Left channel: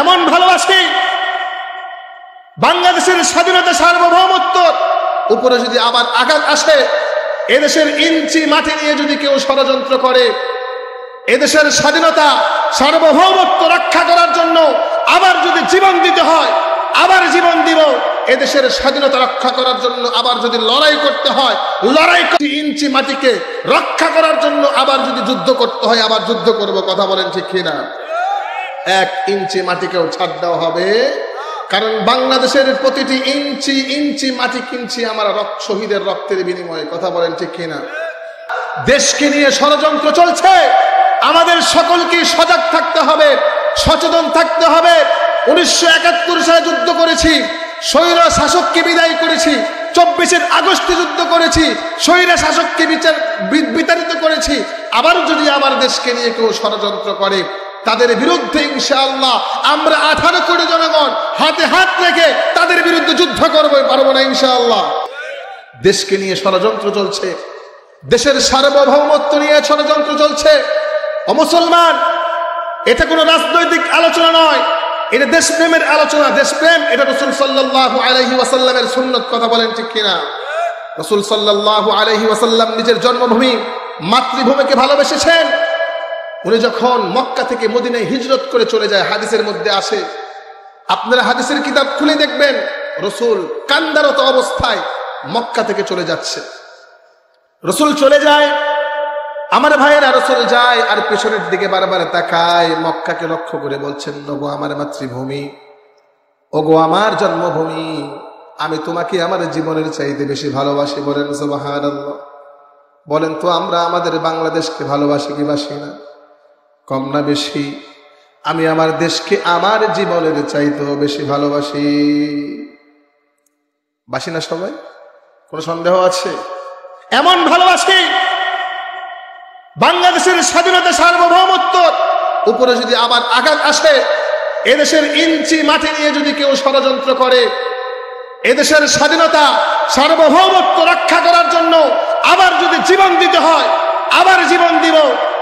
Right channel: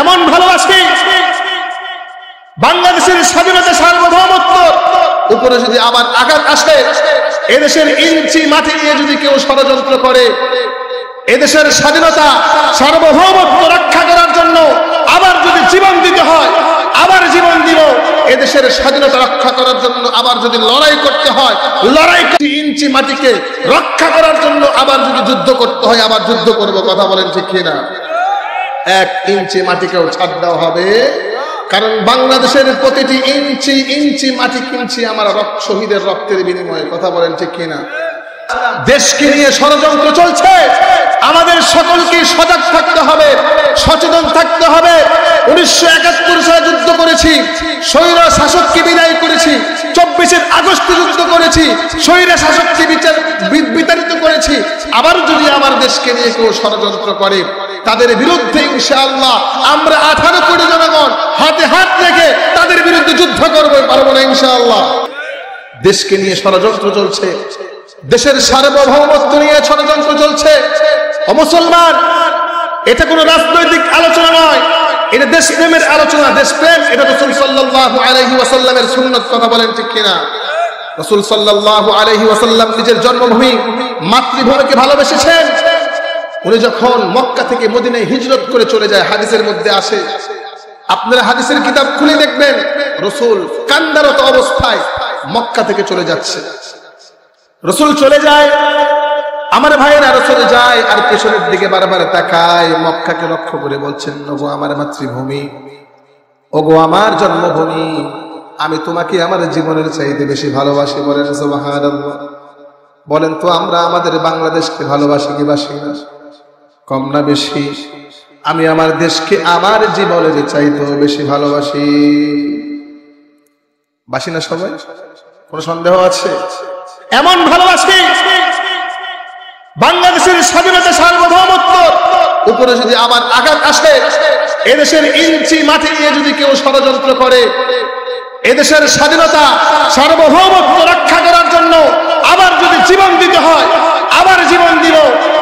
এমন ভালোবাসি বাংলাদেশের স্বাধীনতা সার্বভৌমত্ব উপরে যদি আবার আঘাত আসে, এদেশের ইঞ্চি মাটি নিয়ে যদি কেউ ষড়যন্ত্র করে, এদেশের স্বাধীনতা সার্বভৌমত্ব রক্ষা করার জন্য আবার যদি জীবন দিতে হয়, আবার জীবন দিল। এদেশের স্বাধীনতা রক্ষা করার জন্য আবার যদি লড়াই করতে হয়, লড়াই ইঞ্চি মাটিকে রক্ষা করার জন্য আবার যদি যুদ্ধ করতে হয়, আবার যুদ্ধ করব। কথা বলেন ঠিক কিনা? 1 ইঞ্চি মাটিকেও ছাড় দেওয়া হবে, কারণ বাংলাদেশের প্রতিটি ইঞ্চি ইঞ্চি মাটি কিনছি আমার শহীদের রক্তের বিনিময়ে। কথা বলেন ঠিক কিনা? দেশকে নিয়ে ষড়যন্ত্র চলছে, আমাদের সকলকে সজাগ থাকতে হবে, সচেতন থাকতে হবে। 1971 সালে যুদ্ধ করেছি, স্বৈরা শাসককে বিদায় করেছি। 24 আগস্ট যুদ্ধ করেছি, স্বৈরা শাসককে বিতাড়িত করেছি। আবার যদি আমার দেশকে নিয়ে কেউ ষড়যন্ত্র করে, তাদের বিরুদ্ধে ইনশাআল্লাহ আমরা 18 কোটি জনগণ হাতে হাত রেখে তাদের বিরুদ্ধে যুদ্ধ করবো, পারবো না ইনশাআল্লাহ। দেশকে নিয়ে ষড়যন্ত্র চলছে, দেশের সার্বভৌমত্ব নিয়ে ষড়যন্ত্র চলছে। মুসলমান, এটা কোনো রাজনৈতিক আলোচনা নয়, এটা দেশপ্রেমের আলোচনা। দেশপ্রেম এটা রাসূল সাল্লাল্লাহু আলাইহি ওয়াসাল্লামের সুন্নাত। কথা বলেন ঠিক কিনা? রাসূল সাল্লাল্লাহু আলাইহি ওয়াসাল্লাম নিজের জন্মভূমি মাতৃভূমিকে ভালোবেসেছেন। উনি যখন মক্কা থেকে মদিনায় হিজরত করে চলে যায়, হাদিসের মধ্যে আসে, আপনারা হাদিসের কিতাব খুলে দেখবেন, রাসূল কান্দারত অবস্থায় মক্কা থেকে চলে যাচ্ছে। রাসূল চলে যায়, আমার ভাইয়েরা, রাসূল যায় আর পিছনের দিকে বারবার তাকায়, মক্কাকে লক্ষ্য করে বলছেন, ওগো আমার মাতৃভূমি, ওগো আমার জন্মভূমি, আমি তোমাকে আমার জীবনের চাইতে বেশি ভালোবাসি। বলেন সুবহানাল্লাহ। বলেন তো আমরা আমাদের বাংলাদেশকে ভালোবাসি কি বাসি না? কম না বেশি? আমি আমার দেশকে আমার জীবনের চাইতেও বেশি ভালোবাসি। বাসি না সবাই? কোন সন্দেহ আছে? এমন ভালোবাসি বাংলাদেশের স্বাধীনতা সার্বভৌমত্ব উপরে যদি আবার আঘাত আসে, এদেশের ইঞ্চি মাটি নিয়ে যদি কেউ ষড়যন্ত্র করে, এদেশের স্বাধীনতা সার্বভৌমত্ব রক্ষা করার জন্য আবার যদি জীবন দিতে হয়, আবার জীবন দিল।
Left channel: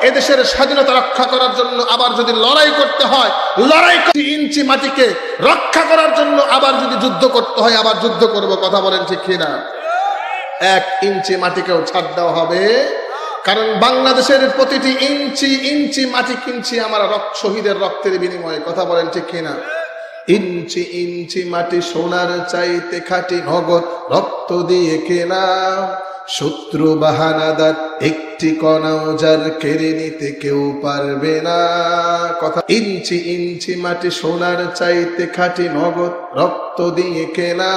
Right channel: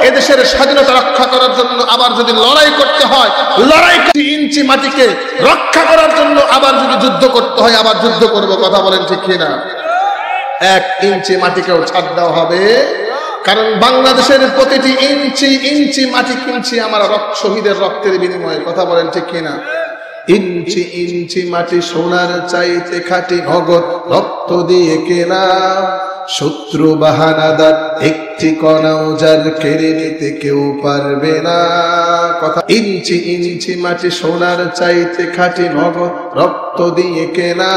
এদেশের স্বাধীনতা রক্ষা করার জন্য আবার যদি লড়াই করতে হয়, লড়াই ইঞ্চি মাটিকে রক্ষা করার জন্য আবার যদি যুদ্ধ করতে হয়, আবার যুদ্ধ করব। কথা বলেন ঠিক কিনা? 1 ইঞ্চি মাটিকেও ছাড় দেওয়া হবে, কারণ বাংলাদেশের প্রতিটি ইঞ্চি ইঞ্চি মাটি কিনছি আমার শহীদের রক্তের বিনিময়ে। কথা বলেন ঠিক কিনা? ইঞ্চি ইঞ্চি মাটি সোনার চাইতে খাঁটি, ভগৎ রক্ত দিয়ে কেনা। শত্রু বাহানাদার একটি কণাও যার কেড়ে নিতে কেউ পারবে না। কথা, ইঞ্চি ইঞ্চি মাটি সোনার চাইতে খাঁটি, ভগৎ রক্ত দিয়ে কেনা।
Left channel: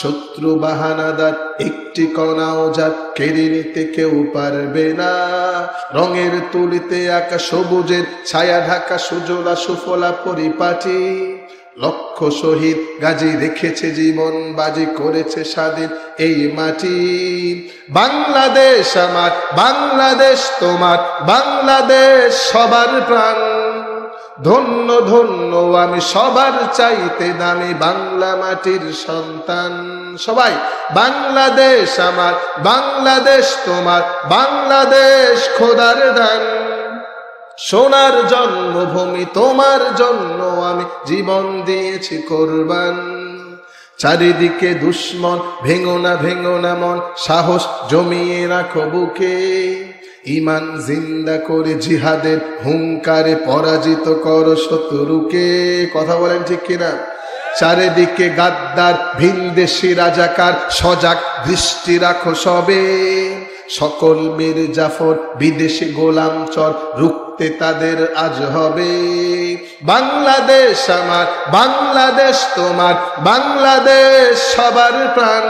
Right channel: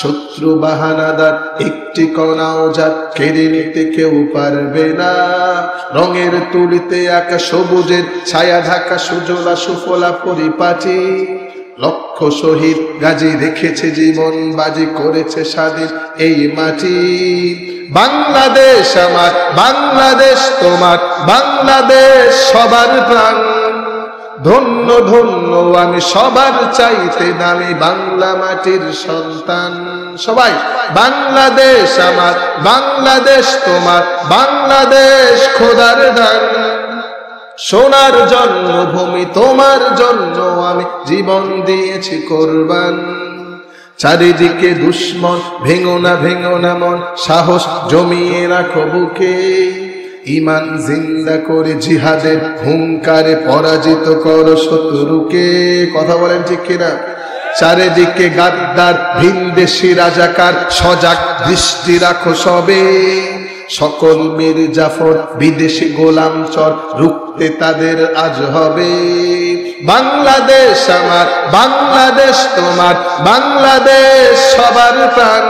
শত্রু বাহানাদার একটি কণাও যার কেড়ে নিতে কেউ পারবে না। রঙের তুলিতে আঁকা সবুজের ছায়া ঢাকা সুজলা সুফলা পরিপাটি। লক্ষ শহীদ গাজী রেখেছে জীবন বাজি, করেছে স্বাধীন এই মাটি। বাংলাদেশ আমার, বাংলাদেশ তোমার, বাংলাদেশ সবার প্রাণ। ধন্য ধন্য আমি সবার চাইতে দামি বাংলা মাটির সন্তান। সবাই, বাংলাদেশ আমার, বাংলাদেশ তোমার, বাংলাদেশ খোদার দান। সোনার জন্মভূমি, তোমার জন্য আমি জীবন দিয়েছি কোরবান। চারিদিকে দুশ্মন, ভেঙো না মন, সাহস জমিয়ে রাখো বুকে। ইমান জিন্দা করে জিহাদের হুঙ্কারে পরাজিত করো শত্রুকে। কথা বলেন ঠিক কিনা? চারিদিকে গাদ্দার ভিনদেশী রাজাকার, সজাগ দৃষ্টি রাখো সবে। সকল মীর জাফর বিদেশি গোলাম চর, রুখতে তাদের আজ হবে। বাংলাদেশ আমার, বাংলাদেশ তোমার, বাংলাদেশ সবার প্রাণ।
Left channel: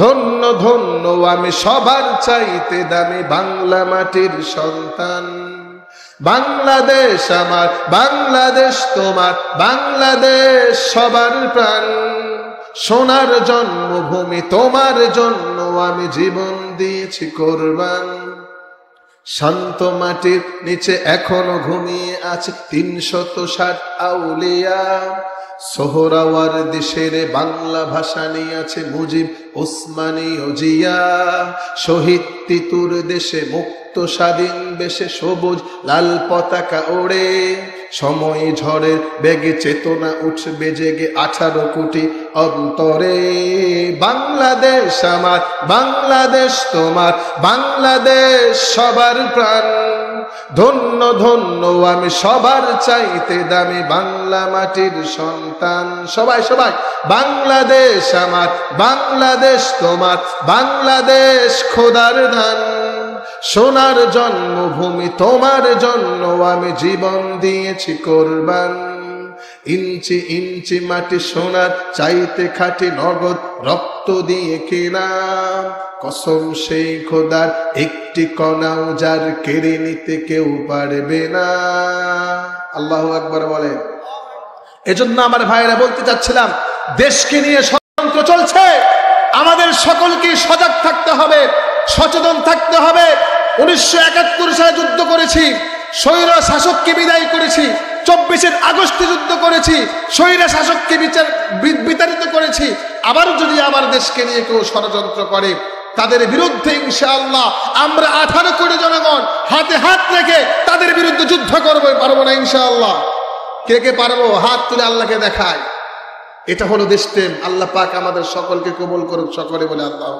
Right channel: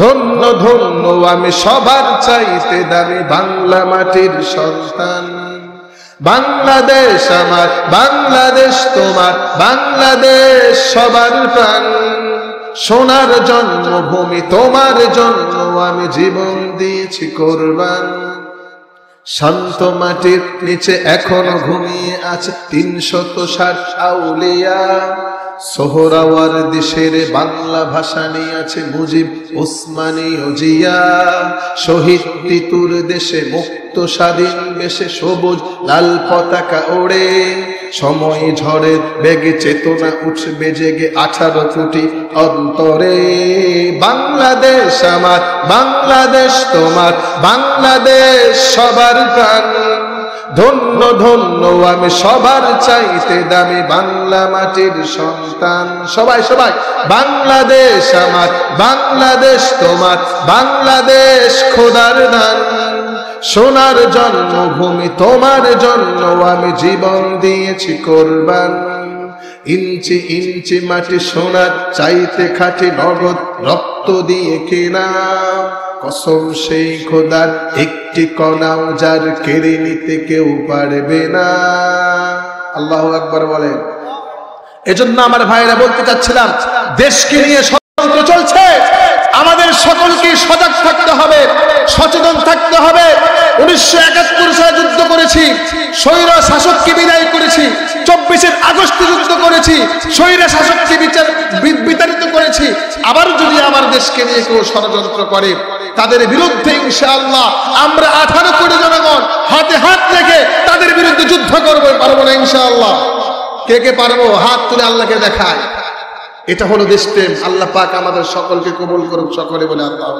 ধন্য ধন্য আমি সবার চাইতে দামি বাংলা মাটির সন্তান। বাংলাদেশ আমার, বাংলাদেশ তোমার, বাংলাদেশ সবার প্রাণ। সোনার জন্মভূমি, তোমার জন্য আমি জীবন দিয়েছি কোরবান। শান্ত মাটির নিচে এখনো ঘুমিয়ে আছে 360 আউলিয়া। সোহরাওয়ার দেশের বাংলা ভাষা নিয়ে আছে মুজিব, ওসমানী ও জিয়া। শহীদ তিতুর দেশে মুক্ত স্বাধীন বেশে সবুজ লাল পতাকা ওড়ে। সময় ঝড়ে বেগে চেতনা উঠবে জেগে 18 কোটি অন্তরে। বাংলাদেশ আমার, বাংলাদেশ তোমার, বাংলাদেশ সবার প্রাণ। ধন্য ধন্য আমি সবার চাইতে দামি বাংলা মাটির সন্তান। সবাই সবাই বাংলাদেশ আমার, বাংলাদেশ তোমার, বাংলাদেশ খোদার দান। সোনার জন্মভূমি তোমার জন্য আমি জীবন দিয়েছি কোরবান। ইঞ্চি ইঞ্চি মাটি সোনার চাইতে খাঁটি নগদ রক্ত দিয়ে কেনা। কসম সেই খোদার একটি কণাও যার কেড়ে নিতে কেউ পারবে না। আল্লাহু আকবার বলেন। এজন্য আমার ভাইরা বলতে চাচ্ছিলাম, দেশকে নিয়ে ষড়যন্ত্র চলছে, আমাদের সকলকে সজাগ থাকতে হবে, সচেতন থাকতে হবে। 1971 সালে যুদ্ধ করেছি, স্বৈর শাসককে বিদায় করেছি। 24 আগস্টে যুদ্ধ করেছি, স্বৈর শাসককে বিতাড়িত করেছি। আবার যদি আমার দেশকে নিয়ে কেউ ষড়যন্ত্র করে, তাদের বিরুদ্ধে ইনশাআল্লাহ আমরা 18 কোটি জনগণ হাতে হাত রেখে তাদের বিরুদ্ধে যুদ্ধ করবো। পারবো না ইনশাআল্লাহ? কে কে পারবো? হাত তুলে আল্লাহকে দেখায়। এটা হলো দেশপ্রেম। আল্লাহ পাক আমাদের সকলকে কবুল করুক সকলে বলে আল্লাহ।